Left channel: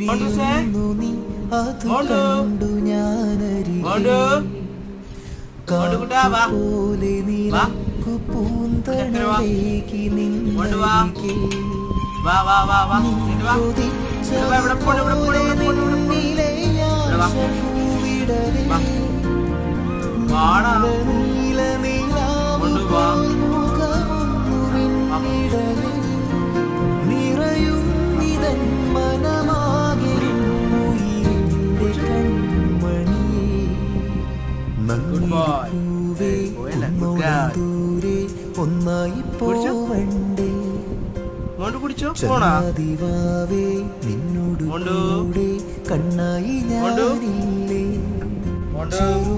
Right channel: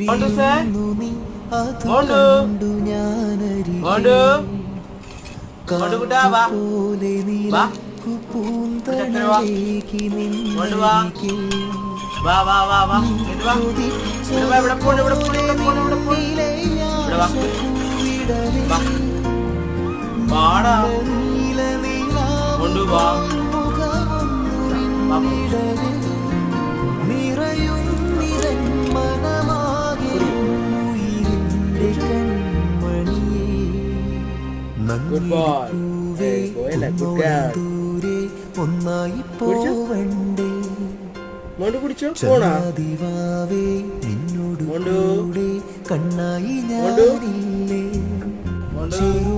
നീ അത് കണ്ടു ഞാനരികെ കാറ്റുപോലെ നിലക്കു പൂന്തണലേക്ക് നിന്നരികെ നീ കൊതിച്ചതുപോലെ നിന്നിലെ ആശ പൂവിടവേ നീല നീലാവുപോൽ മുഖമൊന്നു മിന്നിടവേ നിറയുന്നിതൻ മനമാകെ ഉയിരിന്റെ കൺമണിയേ നങ്ങിരിപ്പൂവേ ഒന്നോളം ദൂരെ ഒന്നായി പോവണ്ടേ ചങ്ങാതിവാവേ നിന്നോട് കൂടെ കണ്ണായി ഞാനില്ലേ ചെറു